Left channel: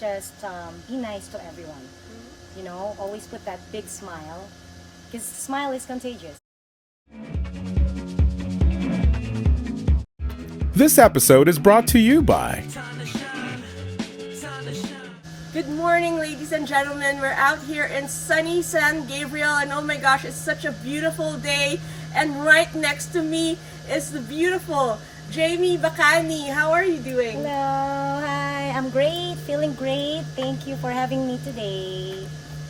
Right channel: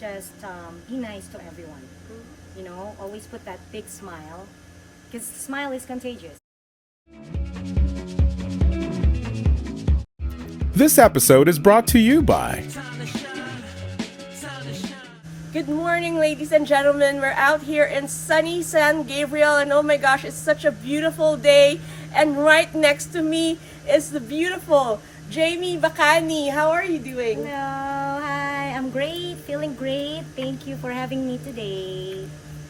just be nice to everyone. You know, always put that big smile, because smile is contagious. This episode is brought to you by Good morning, ladies and gentlemen. We're out here in sunny San Gabriel, and oh my gosh, it's such a beautiful day. And right next to me is the beautiful Jamie Bacani. How are you doing? Hello, hi, I'm great, feeling great. Thank you for having me today.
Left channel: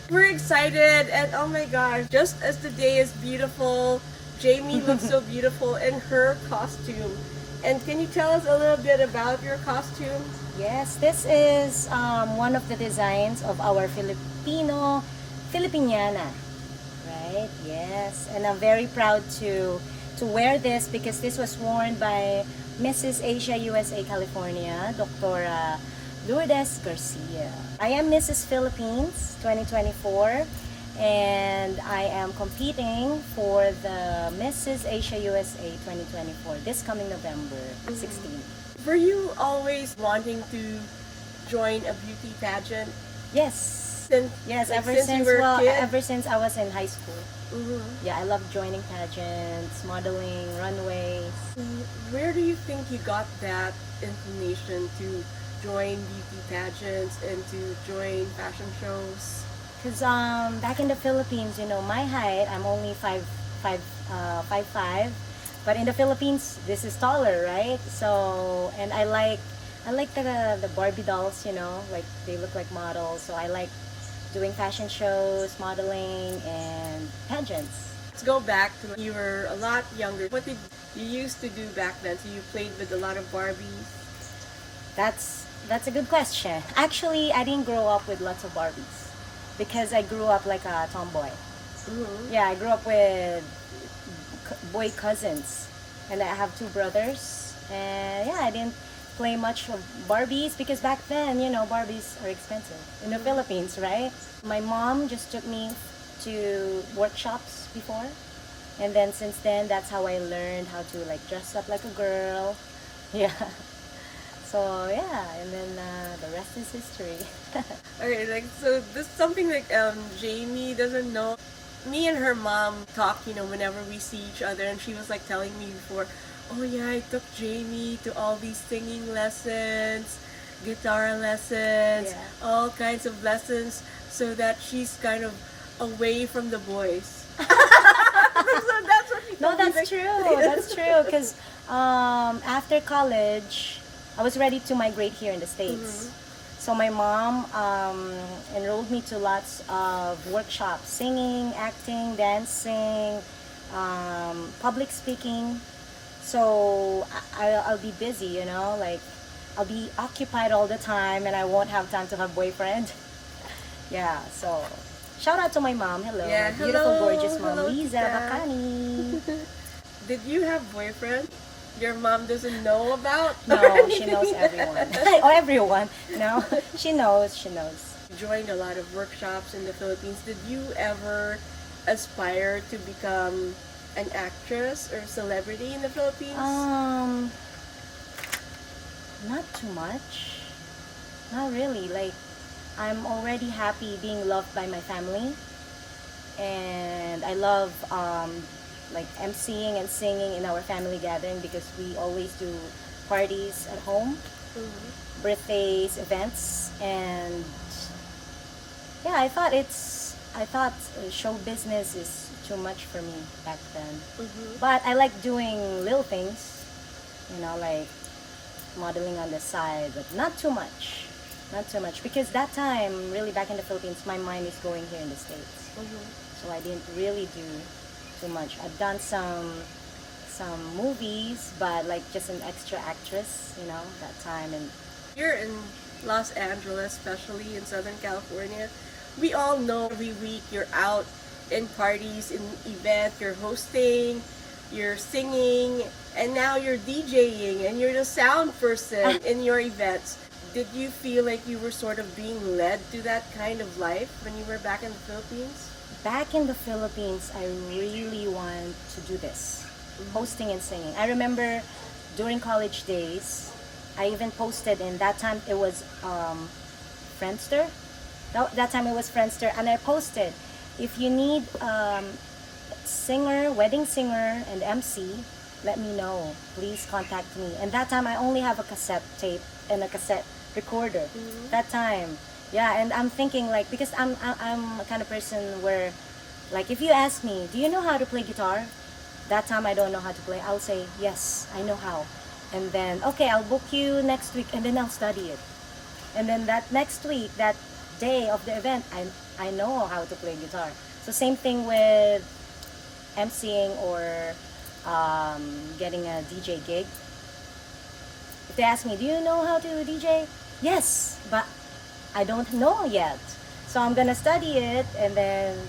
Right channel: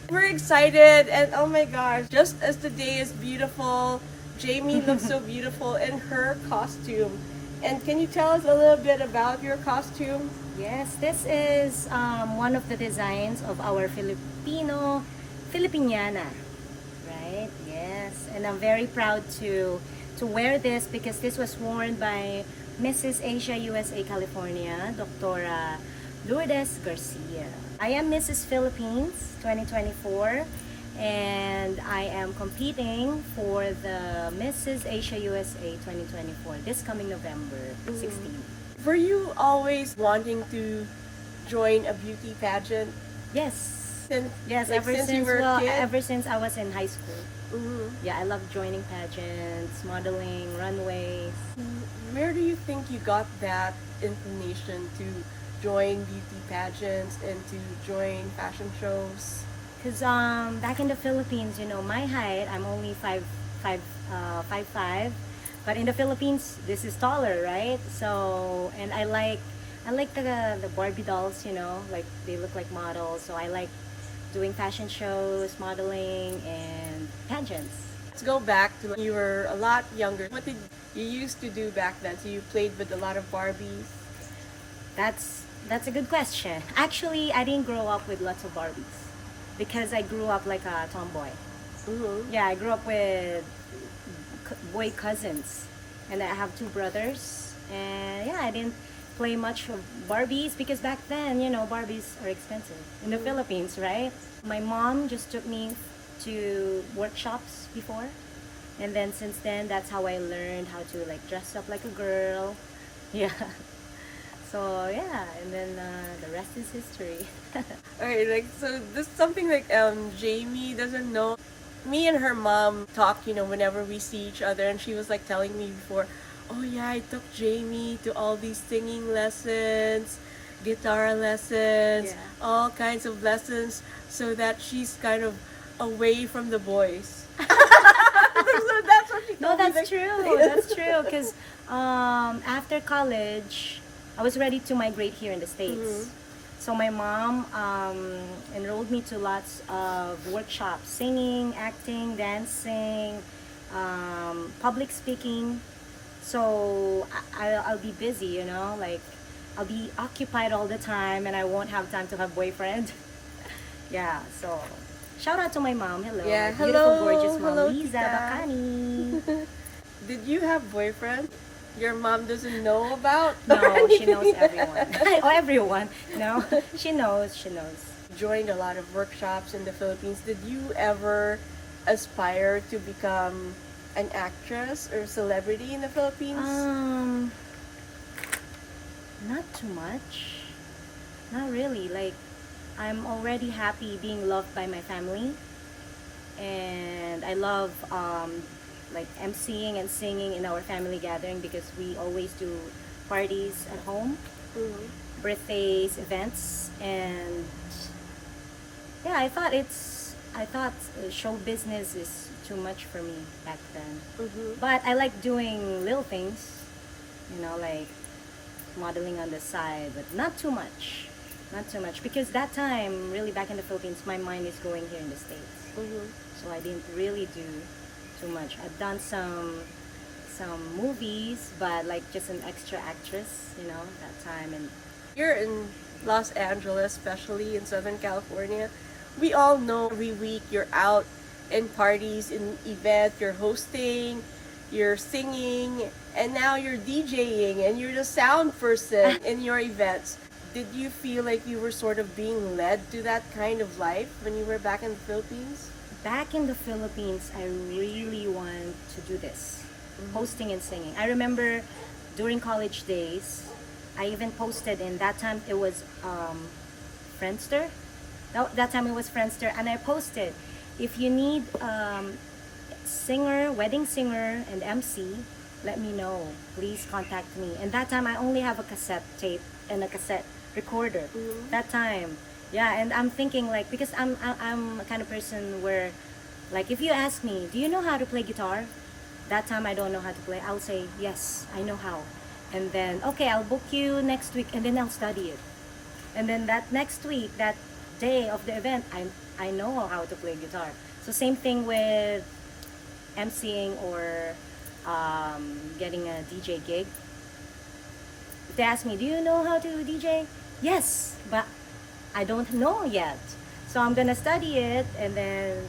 We're excited, and oh my gosh, just as the day is beautiful, Jamie looks so beautiful in her costume. And can you tell us a little bit about your costume? Yes, this is one of the designs of our Filipiniana, right? Yes, and I'm very proud to wear this because this was worn by Mrs. Asia USA California, Dr. Lourdes Garcia. I am Mrs. Philippines 2024, and I am competing for the Mrs. Asia USA 2024 this coming November 16th. Were you always wanting to join a beauty pageant? Yes. Yes, Ever since since you were a kid? ever since I was in high school. Mm-hmm. Yeah, I love joining pageants, modeling, runways. Where do you think you got that inclination to join beauty pageants and to join fashion shows? Cause back in the Philippines, you know, my height, I'm only 5'5", but in the Philippines, this is taller, right? So, and I like the Barbie dolls, you know, like they look like models. So I like doing fashion shows, modeling, and pageants. Let's go back to when you were a lot younger. What did you used to do back then? So you played with a lot of Barbies? That's a good question. Actually, I didn't grow up with lots of Barbies because I grew up like a tomboy. Mm-hmm. Yeah, I grew up with boy cousins, and I have two brothers. And yeah, I didn't play much of Barbies because back then, you know, Barbies are expensive in the Philippines, right? My mom just took me to workshops before, and then since then, that's how I learned how to like dress up like a girl. Yeah. So yeah, and then the rest is history. Okay, like so this is something like Jamie doesn't know. Me and her mom talk, you know, whenever we see each other, and she was like telling me before, oh yeah, I took Jamie to all these singing lessons, guitar lessons, Yeah. all kinds of lessons, so that she's kind of away from the boys. So that's what she No, told me, that's like- true. That's true. Because after college, I was ready to migrate here in the States. So my mom enrolled me to lots of workshops, singing, acting, dancing, public speaking. So I'll be busy, you know, like I'll be occupied all the time and I won't have time to have boyfriend. Yeah, so shout out to my mom. Hello. Yeah, my beautiful, hello. gorgeous mom, Hello, Lisa Tita. Bacani. Did you have boyfriend? Your mom doesn't know about? No, she knows everyone. Oh, everyone. No, she knows. She knows. Joined a lot of workshops in the Philippines. Did you ever aspire to become an actress or celebrity in the Philippines? Not too much. Not really. Like, I'm already happy being loved by my family, and I love like emceeing and singing in our family gathering because we always do parties at home, birthdays, events, and yeah, I thought show business is too much for me back then. But I like doing little things, you know, like modeling on the side, but not too much. Not too much because that time, really back in the Philippines, my mind is going here in the States. So I didn't really do too much. I've done some movies, but like just an extra actress, you know, that time. And Here in Los Angeles, especially in Southern California, we all know every week you're out in parties, in events, you're hosting, you're singing, and now you're DJing and you're the sound person in your events. Did you feel like you were sort of being led to that kind of life when you were back in the Philippines? back in the Philippines, I really wanted to do this, hosting and singing. I remember during college days, I even posted in that time it was Friendster. That time it was Friendster, and I posted, if you need singer, wedding singer, and MC, let me know. Please contact me. And that time I only have a cassette tape and a cassette recorder. That time, yeah. And I'm thinking like, because I'm a kind of person where, like, if you ask me, do you know how to play guitar? That time I don't know how to play. I'll say yes, I know how. And then okay, I'll book you next week, and then I'll study it. And then that next week, that day of the event, I know how to play guitar. So same thing with MCing or getting a DJ gig. If they ask me, do you know how to DJ? Yes, but I don't know yet. So I'm gonna study it and then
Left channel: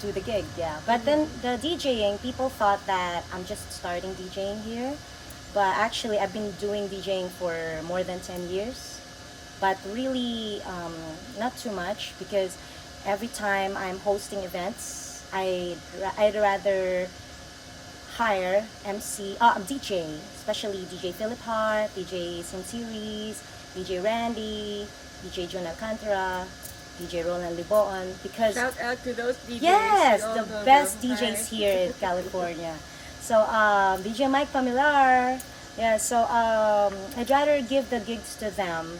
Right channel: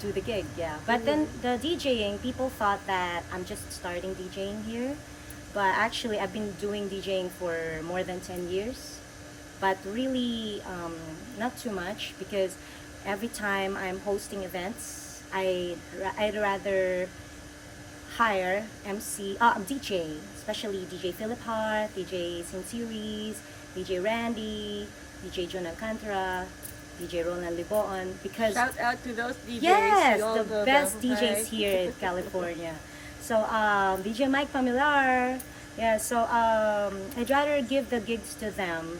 do the gig, yeah. But then the DJing, people thought that I'm just starting DJing here. But actually, I've been doing DJing for more than 10 years. But really, not too much, because every time I'm hosting events, I'd rather hire DJ, especially DJ Philip Hart, DJ Sim Series, DJ Randy, DJ John Alcantara, DJ Roland Liboan, because Shout out to those DJs. yes, all the best them. DJs Hi. here in California. So DJ Mike Pamilar, yeah. So I'd rather give the gigs to them.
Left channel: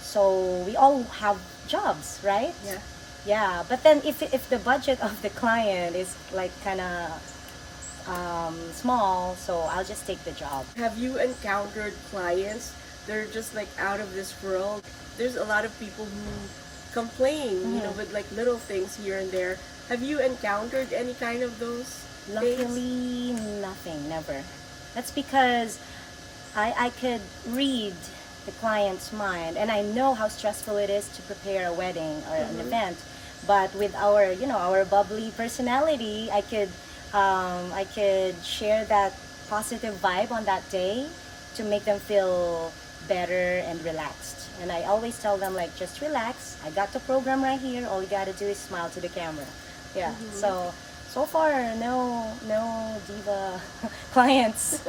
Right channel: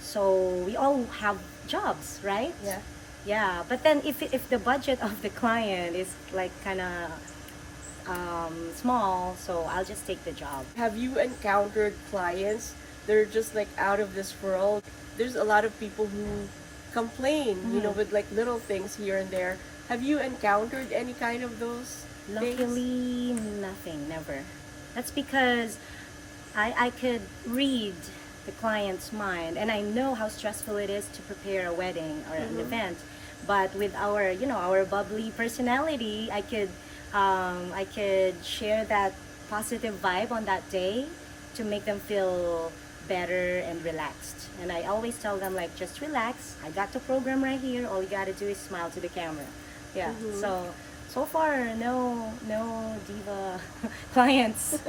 So we all have jobs, right? Yeah. Yeah, but then if the budget of the client is like kind of small, so I'll just take the job. Have you encountered clients? They're just like out of this world. There's a lot of people who complain, you know, with like little things here and there. Have you encountered any kind of those things? Luckily, nothing, never. That's because I could read the client's mind, and I know how stressful it is to prepare a wedding or an event. But with our, you know, our bubbly personality, I could share that positive vibe on that day to make them feel better and relaxed. And I always tell them like, just relax. I got the program right here. All you gotta do is smile to the camera. Yeah. So far, no diva clients.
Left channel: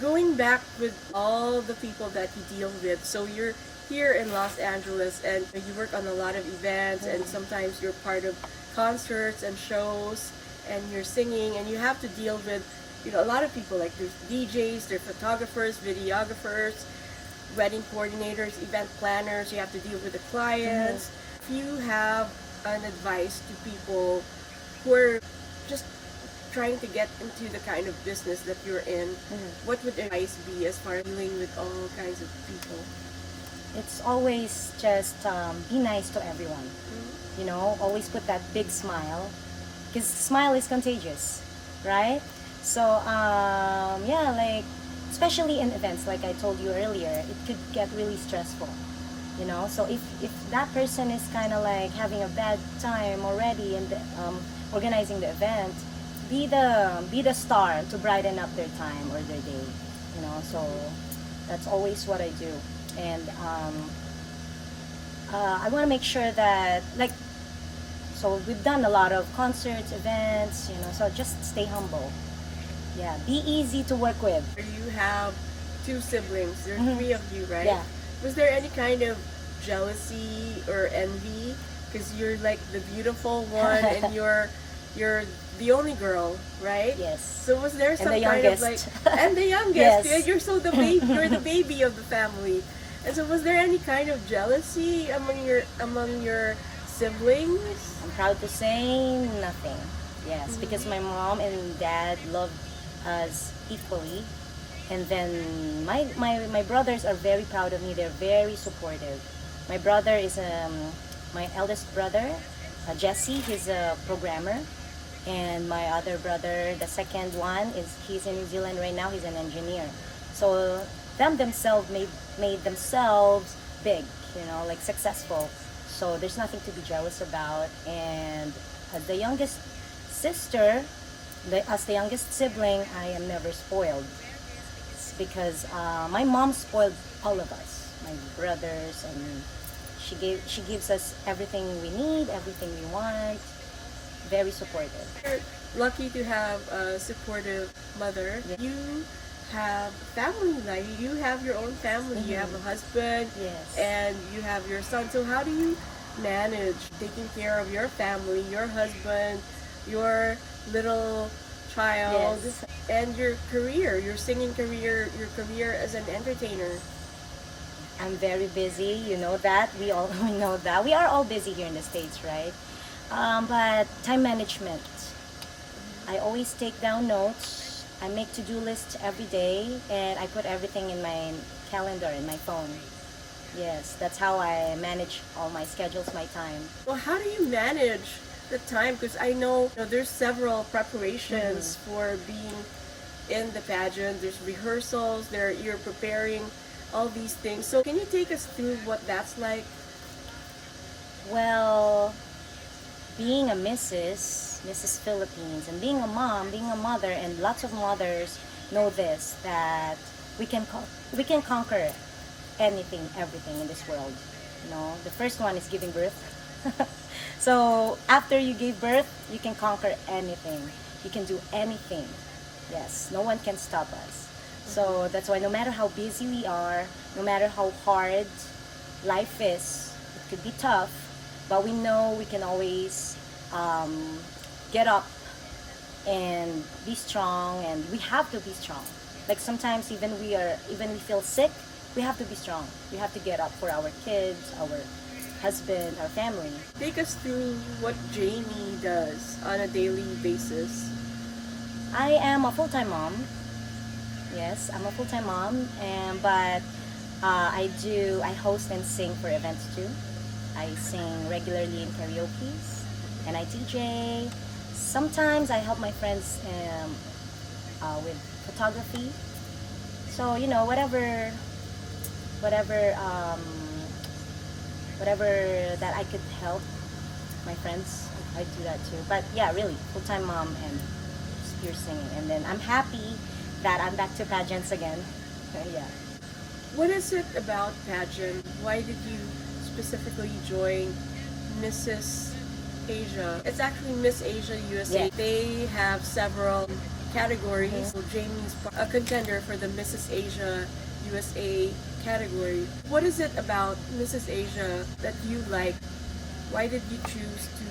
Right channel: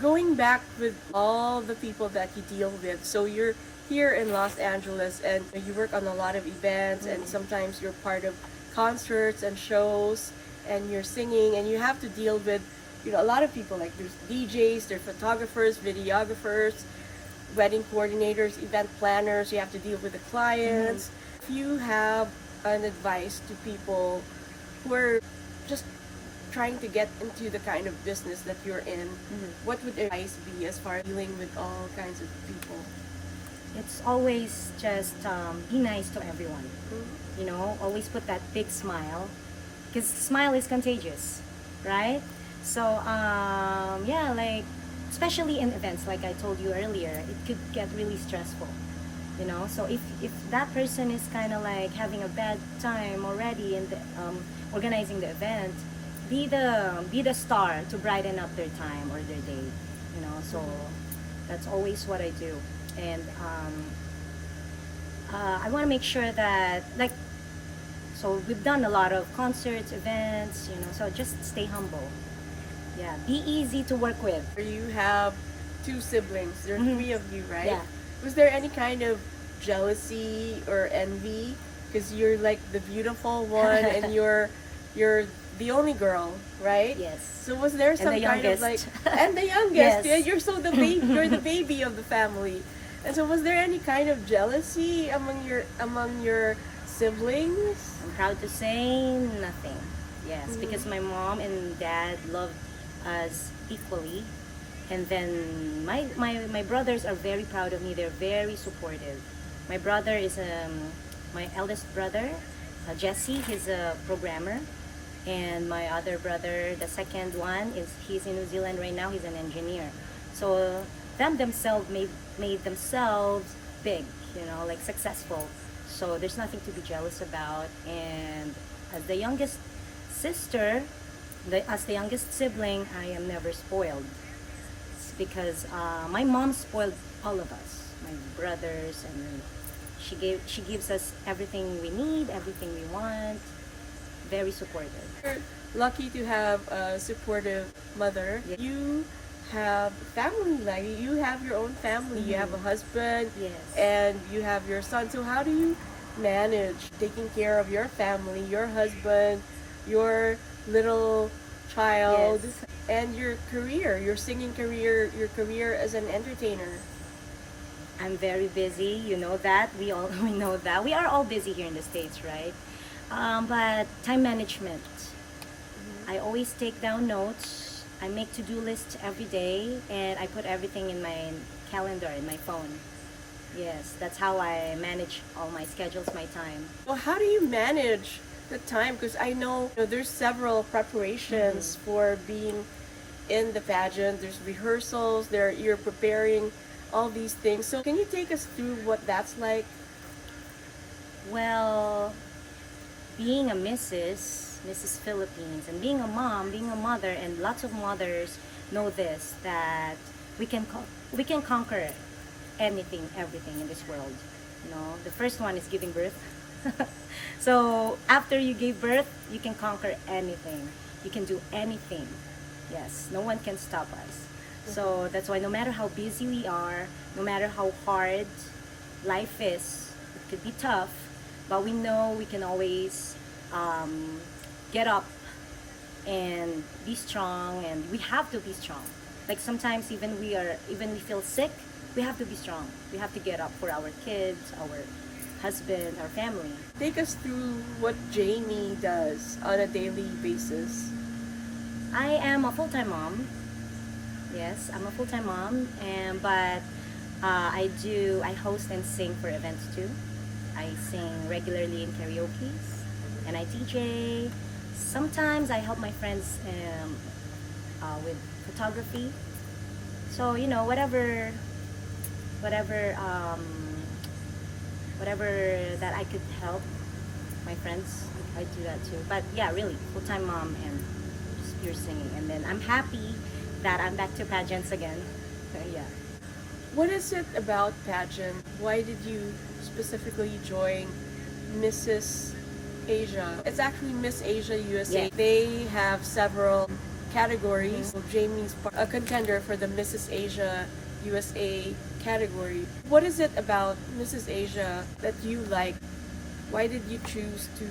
Going back with all the people that you deal with, so you're here in Los Angeles and you work on a lot of events and sometimes you're part of concerts and shows and you're singing and you have to deal with, you know, a lot of people, like there's DJs, there's photographers, videographers, wedding coordinators, event planners, you have to deal with the clients. If you have an advice to people who are just trying to get into the kind of business that you're in, what would advice be as far as dealing with all kinds of people? It's always just be nice to everyone. You know, always put that big smile, because smile is contagious, right? So yeah, like especially in events, like I told you earlier, it could get really stressful. You know, so if that person is kind of like having a bad time already in the, organizing the event, be the star to brighten up their time or their day. You know, so that's always what I do. And I want to make sure that, like, so we've done a lot of concerts, events, you know, so just stay humble. Yeah, be easy to work with. You have 2 siblings, there are 3 of you, right? Yeah. Was there any kind of jealousy or envy? Because you're like the beautiful one and you're the only girl, right? Yes. So was there some the kind of like, youngest. and the youngest, Yes. yeah, you're so the baby, you're the baby of the family. And so was there any kind of jealousy among your siblings? I'm proud to say nothing. Yes, because my mom and dad love us equally. And then my brothers are very proud of me. They're very supportive. My brother is my eldest brother, Jesse. He's a programmer, and my other brother, the second one, he's in New Zealand right now. He's an engineer. So themselves made themselves big, you know, like successful. So there's nothing to be jealous about. And as the youngest sister, as the youngest sibling, I am never spoiled. It's because my mom spoiled all of us, my brothers, and she gives us everything we need, everything we want. Very supportive. You're lucky to have a supportive mother. Yeah. You have family life. You have your own family. You have a husband, Yes. and you have your son. So how do you manage taking care of your family, your husband, your little child, Yes. and your career, your singing career, your career as an entertainer? I'm very busy. You know that. We all we know that. We are all busy here in the States, right? But time management. I always take down notes. I make to-do lists every day, and I put everything in my calendar in my phone. Yes, that's how I manage all my schedules, my time. Well, how do you manage the time? Because I know, there's several preparations for being in the pageant. There's rehearsals. You're preparing all these things. So can you take us through what that's like? Well, being a Mrs. Philippines, and being a mom, being a mother, and lots of mothers know this, that we can conquer anything, everything in this world. The first one is giving birth. So after you give birth, you can conquer anything. You can do anything. Yes, no one can stop us. So that's why no matter how busy we are, no matter how hard life is, it could be tough, but we know we can always get up and be strong, and we have to be strong. Like sometimes even we feel sick, we have to be strong. We have to get up for our kids, our husband, our family. Take us through what Jamie does on a daily basis. I am a full-time mom. Yes, I'm a full-time mom, but I host and sing for events too. I sing regularly in karaoke's, and I DJ. Sometimes I help my friends with photography. So whatever whatever that I could help my friends, I do that too. But yeah, really full-time mom and pure singing. And then I'm happy that I'm back to pageants again. Yeah. What is it about pageant? Why did you specifically join Mrs. Asia? It's actually Miss Asia USA. Yeah. They have several categories. So Jamie's a contender for the Mrs. Asia USA category. What is it about Mrs. Asia that you like? Why did you choose to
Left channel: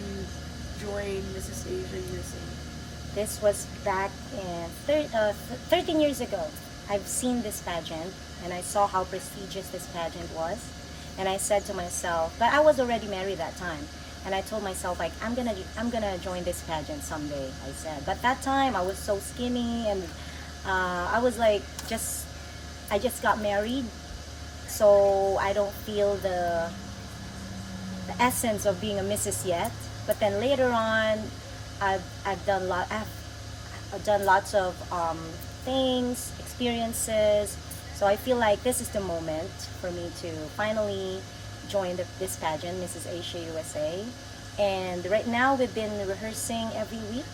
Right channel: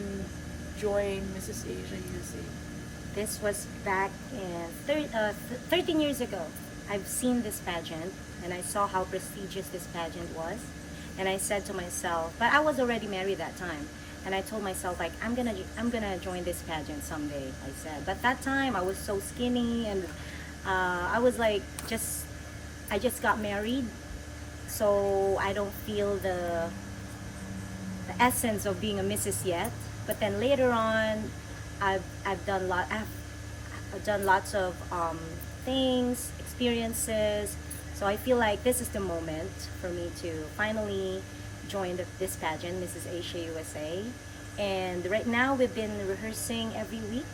join Mrs. Asia USA? This was back in 13 years ago. I've seen this pageant and I saw how prestigious this pageant was. And I said to myself, but I was already married that time. And I told myself, like, I'm gonna join this pageant someday, I said. But that time I was so skinny, and I was like, I just got married, so I don't feel the essence of being a missus yet. But then later on, I've done lots of things, experiences. So I feel like this is the moment for me to finally join this pageant, Mrs. Asia USA. And right now we've been rehearsing every week,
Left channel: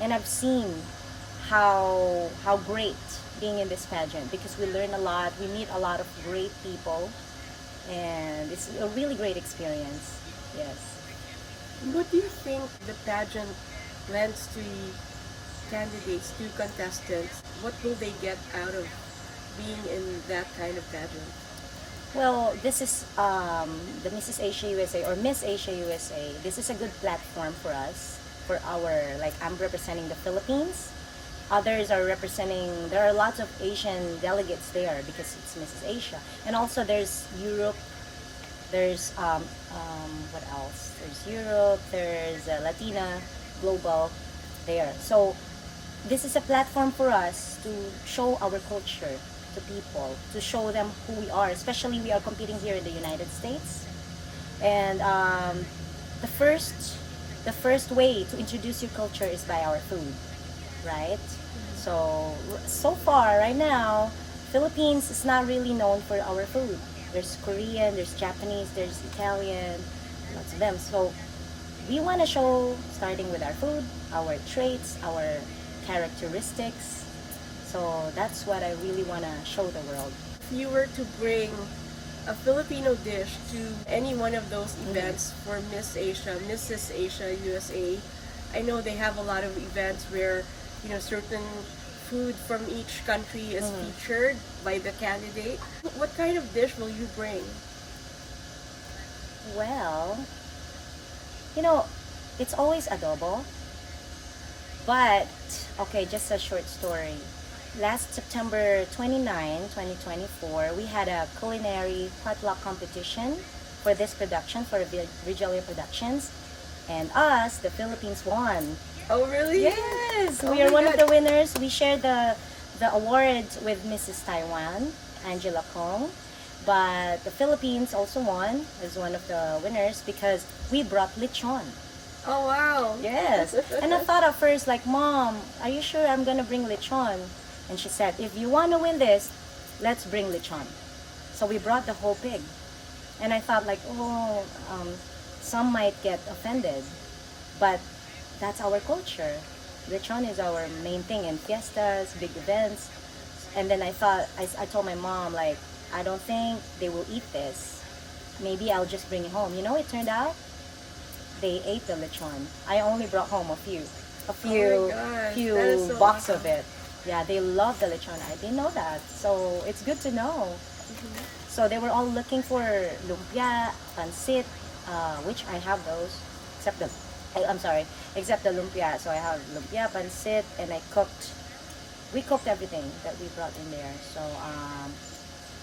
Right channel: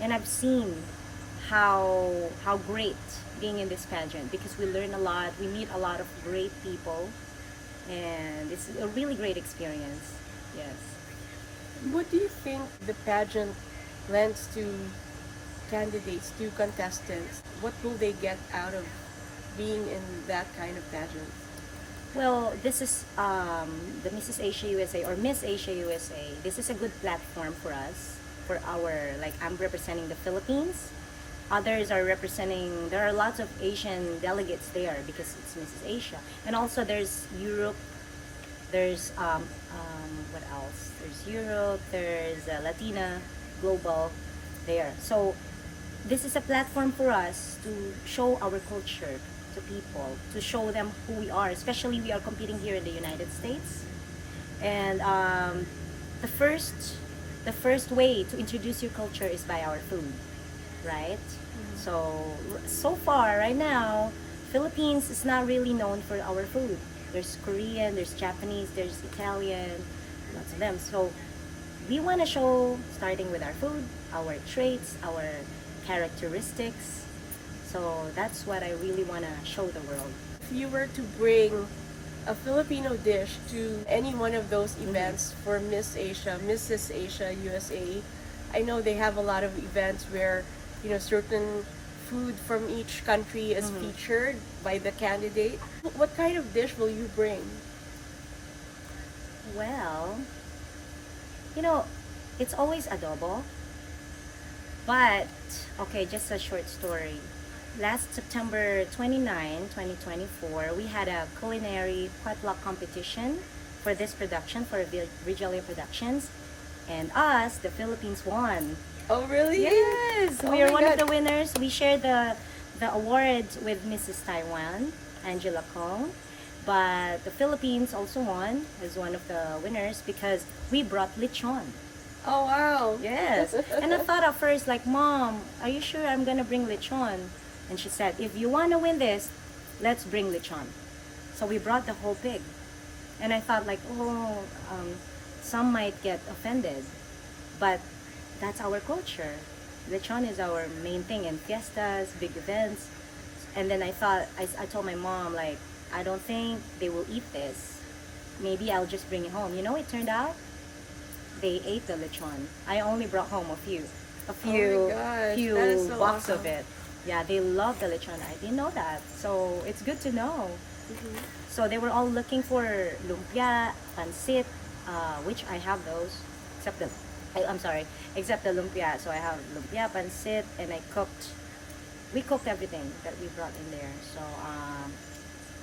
and I've seen how great being in this pageant, because we learn a lot, we meet a lot of great people, and it's a really great experience. Yes. What do you think the pageant lends to candidates, to contestants? What will they get out of being in that kind of pageant? Well, this is the Mrs. Asia USA or Miss Asia USA. This is a good platform for us, for I'm representing the Philippines. Others are representing, there are lots of Asian delegates there because it's Mrs. Asia. And also there's Europe, there's, what else? There's Europe, there's Latina, Global there. So this is a platform for us to show our culture to people, to show them who we are, especially we are competing here in the United States. And the first way to introduce your culture is by our food, right? So far right now, Philippines is not really known for our food. There's Korean, there's Japanese, there's Italian, lots of them. So we want to show, starting with our food, our traits, our characteristics. So that's what I really want to show the world. If you were to bring a Filipino dish to any one of those events for Miss Asia, Mrs. Asia USA, I know they have a lot of events where certain food from each country is featured by the candidate. What kind of dish will you bring? Well, you know, it's always adobo. But, okay, just a short story. Last September 29, 2024, we had a culinary potluck competition for this production, for Regalia Productions. And us, the Philippines, won. Oh, really? Yes! Oh We are my one of God. the winners. We shared the awards with Mrs. Taiwan, Angela Kong. But the Philippines also won as one of the winners because we brought lechon. Oh, wow. Yes. And I thought at first, like, Mom, are you sure I'm gonna bring lechon? And she said, if you wanna win this, let's bring lechon. So we brought the whole pig. And I thought, like, some might get offended. But that's our culture. Lechon is our main thing in fiestas, big events. And then I thought, I told my mom, like, I don't think they will eat this. Maybe I'll just bring it home. You know, it turned out they ate the lechon. I only brought home a few Oh my gosh, few that is so box awesome. of it. Yeah, they love the lechon. I didn't know that, so it's good to know. So they were all looking for lumpia, pancit, which I have those, except the I'm sorry, except the lumpia. So I have lumpia, pancit, and we cooked everything that we brought in there. So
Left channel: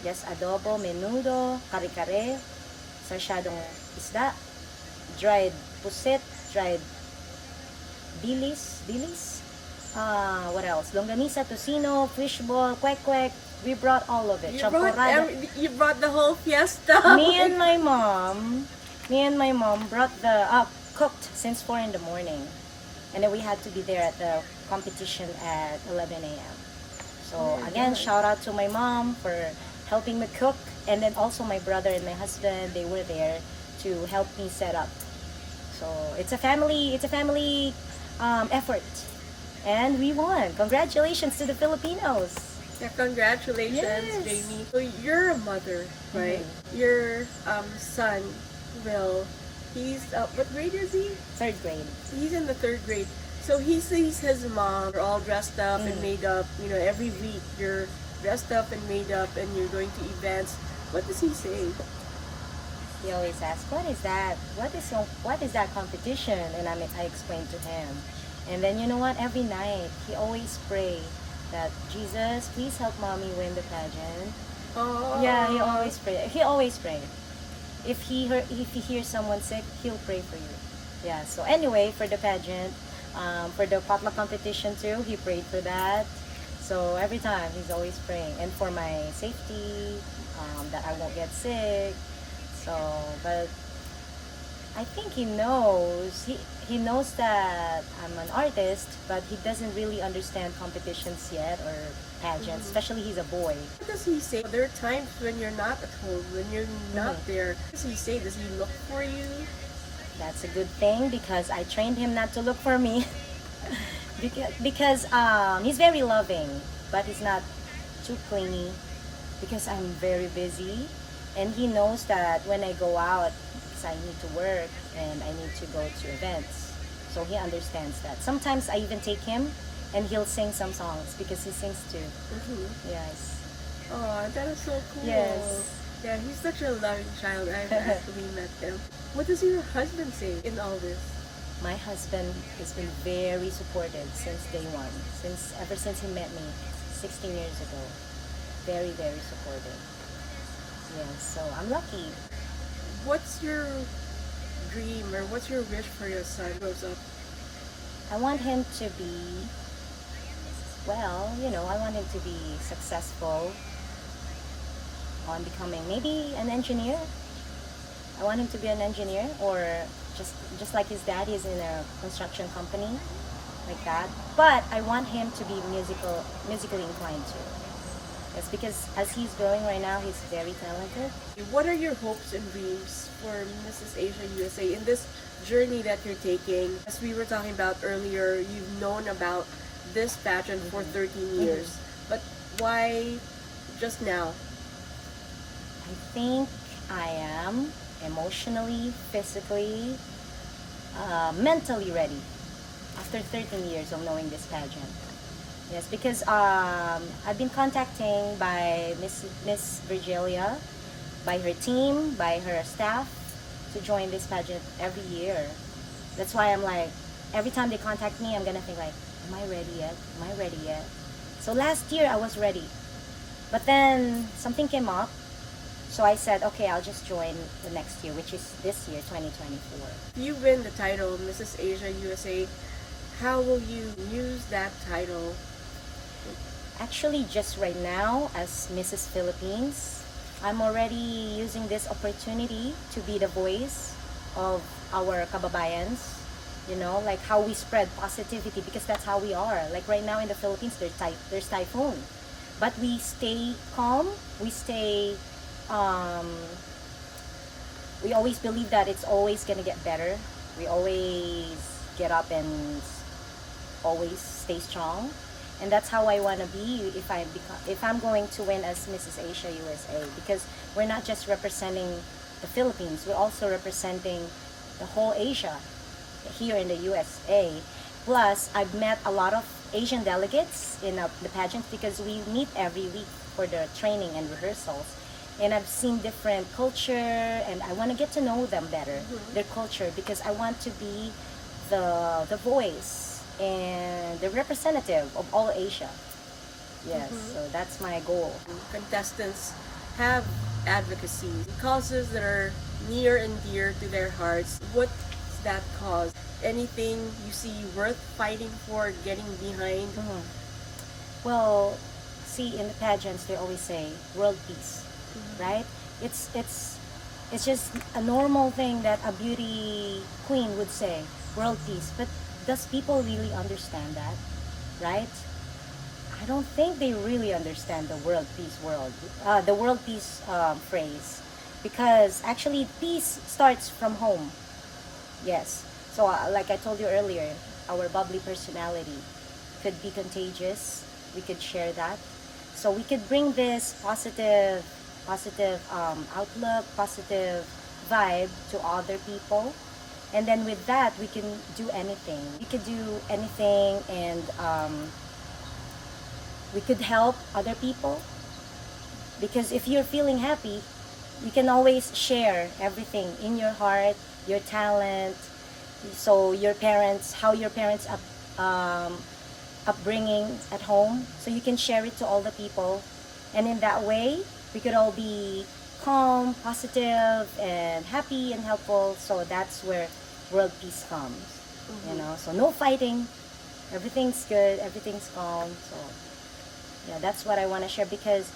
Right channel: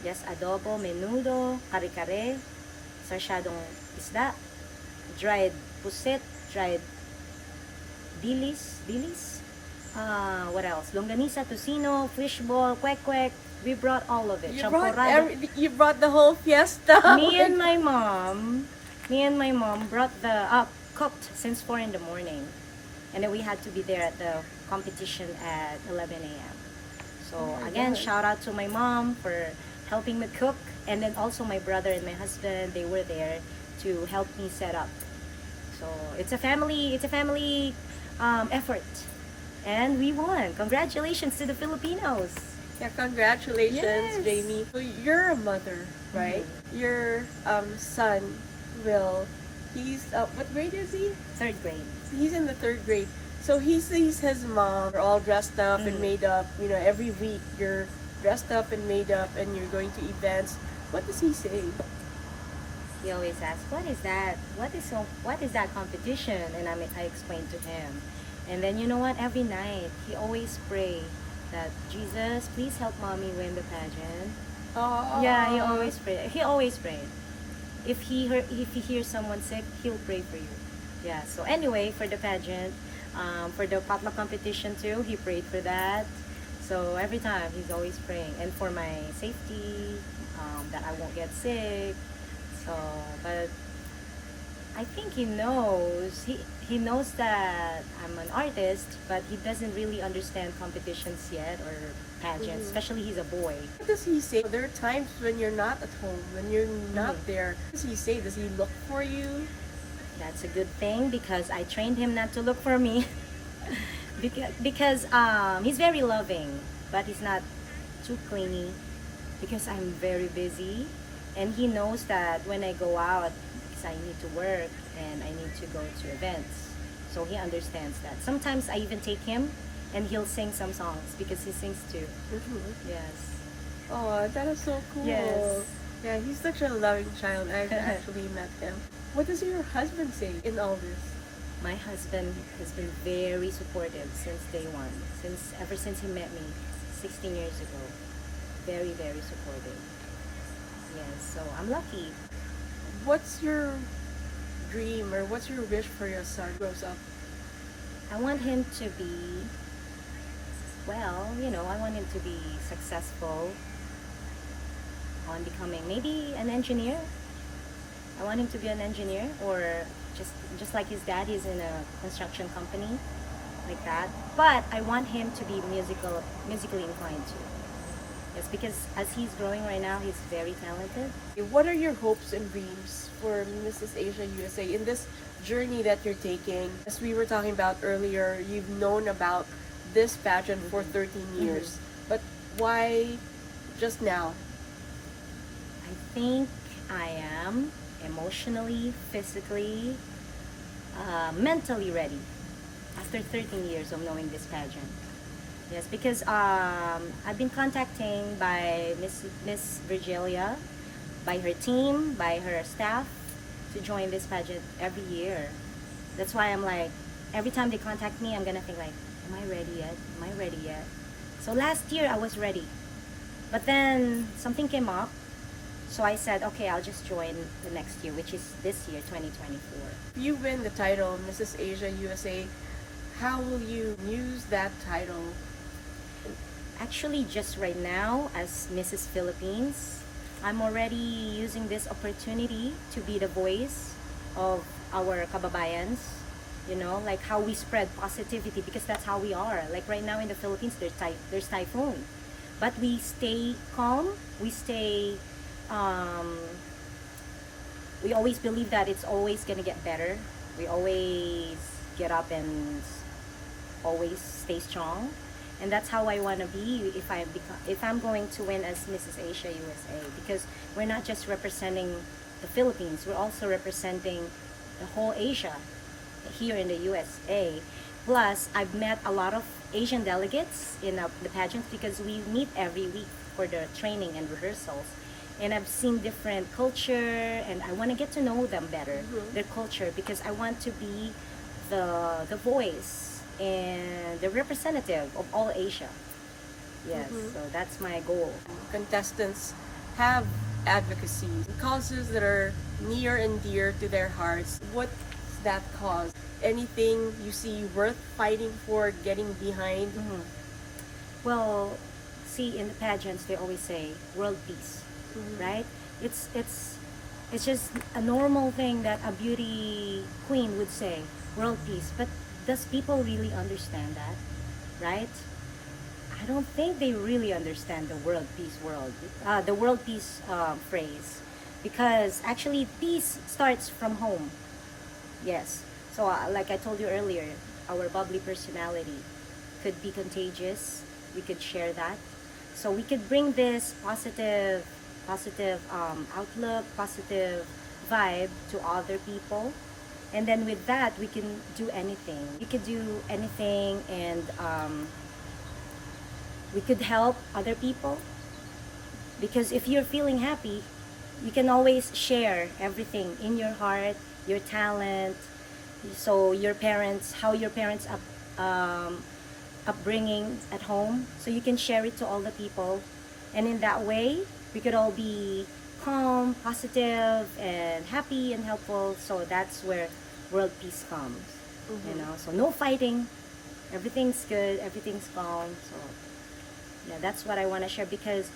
yes, adobo, menudo, kare-kare, sarsyadong isda, dried pusit, dried dilis, what else? Longganisa, tocino, fishball, kwek-kwek. We brought all of it. Champorado. You brought the whole fiesta. Me and my mom brought cooked since 4 in the morning. And then we had to be there at the competition at 11 a.m. So Oh my again, God. shout out to my mom for helping me cook. And then also my brother and my husband, they were there to help me set up. So it's a family effort. And we won. Congratulations to the Filipinos. Yeah, congratulations, Yes. Jamie. So you're a mother, right? Your son, Will, he's what grade is he? 3rd grade. He's in the 3rd grade. So he sees his mom all dressed up and made up. You know, every week you're dressed up and made up, and you're going to events. What does he say? He always asks, "What is that? What is that competition?" And I explained to him. And then you know what? Every night he always pray that Jesus, please help mommy win the pageant. Oh, Yeah, he always pray. He always pray. If he hears someone sick, he'll pray for you. Yeah. So anyway, for the pageant, for the potluck competition too, he prayed for that. So every time he's always praying, and for my safety, that I won't get sick. So, but I think he knows. He knows that I'm an artist, but he doesn't really understand competitions yet or pageants. Especially he's a boy. what does he say? There are times when you're not at home, when you're not there. What does he say? Does he look for you? That's a good thing because I trained him not to look for me. because he's very loving, but he's not too clingy because I'm very busy, and he knows that when I go out, because I need to work and I need to go to events. So he understands that. Sometimes I even take him and he'll sing some songs because he sings too. Yes. Oh, that is so cool. Yes. Yeah, he's such a loving child. I've actually met him. What does your husband say in all this? My husband has been very supportive since day one. Ever since he met me 16 years ago. Very, very supportive. Yes, so I'm lucky. What's your dream or what's your wish for your son grows up? I want him to be, well, I want him to be successful on becoming maybe an engineer. I want him to be an engineer, or just like his dad, he's in a construction company like that. But I want him to be musically inclined too. Yes, because as he's growing right now, he's very talented. What are your hopes and dreams for Mrs. Asia USA in this journey that you're taking? As we were talking about earlier, you've known about this pageant for 13 years. But why just now? I think I am emotionally, physically, mentally ready after 13 years of knowing this pageant. Yes, because I've been contacting by Miss Virgilia, by her team, by her staff, to join this pageant every year. That's why I'm like, every time they contact me, I'm gonna think like, am I ready yet? Am I ready yet? So last year I was ready, but then something came up. So I said, okay, I'll just join the next year, which is this year, 2024. You win the title, Mrs. Asia USA. How will you use that title? Actually, just right now, as Mrs. Philippines, I'm already using this opportunity to be the voice of our kababayans. You know, like how we spread positivity, because that's how we are. Like right now in the Philippines, there's typhoon, but we stay calm. We always believe that it's always gonna get better. We always get up and always stay strong, and that's how I want to be if I'm going to win as Mrs. Asia USA, because we're not just representing the Philippines, we're also representing the whole Asia here in the USA. Plus, I've met a lot of Asian delegates in the pageants, because we meet every week for the training and rehearsals. And I've seen different culture, and I want to get to know them better, their culture, because I want to be the voice and the representative of all Asia. Yes, so that's my goal. Contestants have advocacy, causes that are near and dear to their hearts. What's that cause? Anything you see worth fighting for, getting behind? Well, see, in the pageants, they always say world peace, right? It's just a normal thing that a beauty queen would say, world peace. But does people really understand that, right? I don't think they really understand the world peace phrase, because actually peace starts from home. Yes. So like I told you earlier, our bubbly personality could be contagious. We could share that. So we could bring this positive outlook, positive vibe to other people. And then with that, we can do anything. We could do anything, and we could help other people. Because if you're feeling happy, you can always share everything in your heart, your talent. So how your parents upbringing at home. So you can share it to all the people. And in that way, we could all be calm, positive, and happy and helpful. So that's where world peace comes. You know, so no fighting. Everything's good. Everything's calm. So yeah, that's what I want to share, because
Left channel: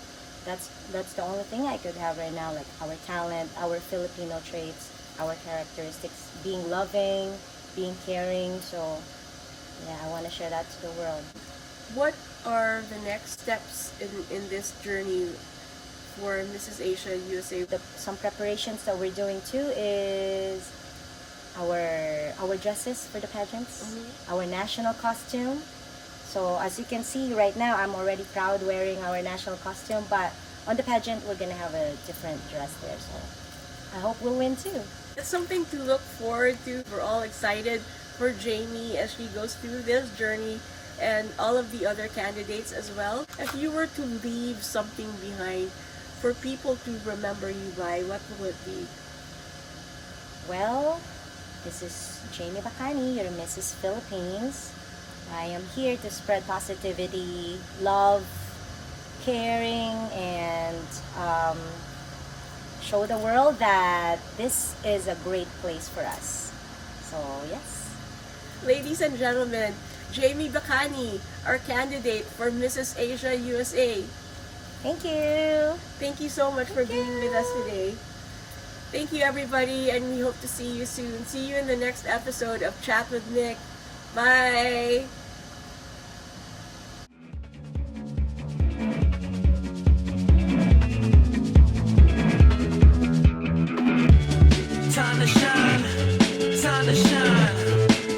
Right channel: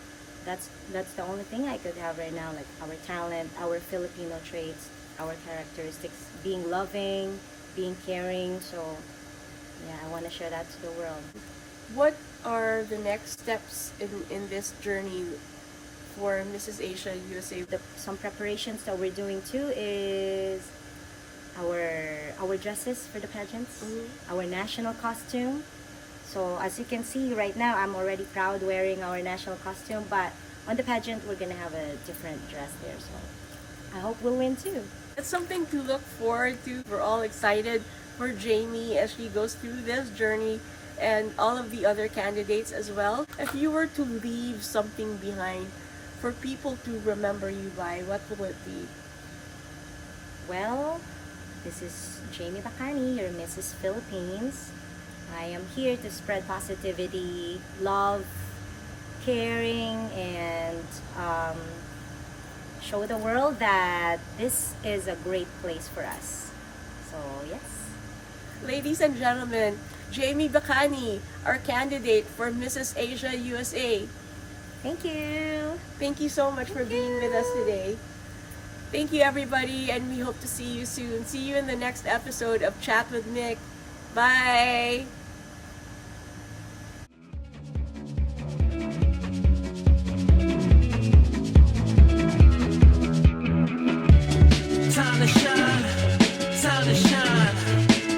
that's the only thing I could have right now, like our talent, our Filipino traits, our characteristics, being loving, being caring. So yeah, I want to share that to the world. What are the next steps in this journey for Mrs. Asia USA? Some preparations that we're doing too is our dresses for the pageants, our national costume. So as you can see right now, I'm already proud wearing our national costume, but on the pageant, we're gonna have a different dress there. So I hope we'll win too. It's something to look forward to. We're all excited for Jamie as she goes through this journey, and all of the other candidates as well. If you were to leave something behind for people to remember you by, what will it be? Well, this is Jamie Bacani, your Mrs. Philippines. I am here to spread positivity, love, caring, and show the world that this is a great place for us. So, yes. Ladies and gentlemen, Jamie Bacani, our candidate for Mrs. Asia USA. Thank you. Thank you so much for being with us today. Thank you, everybody, and we hope to see you soon. See you in the next episode of Chat with Nick. Bye! Time to shine,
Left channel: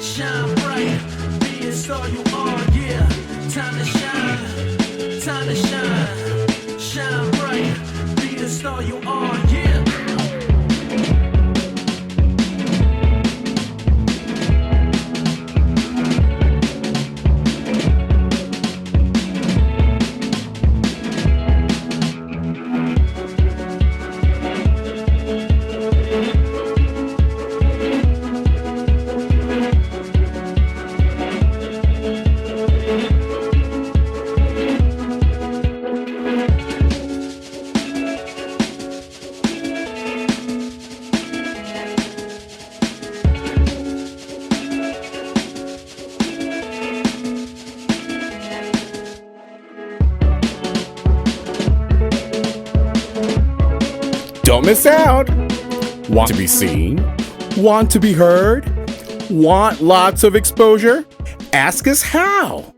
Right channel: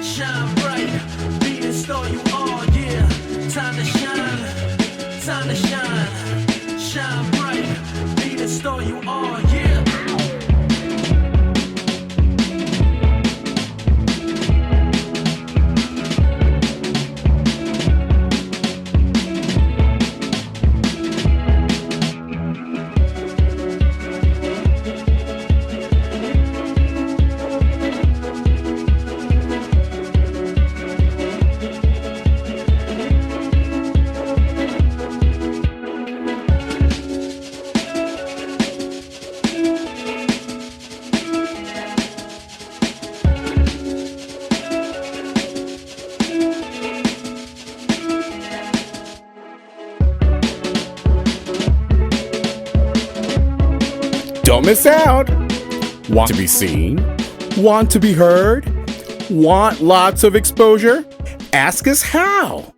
shine bright, be the star you are, yeah. Time to shine bright, be the star you are, yeah. Don't miss out. Want to be seen? Want to be heard? Want lots of exposure? Ask us how.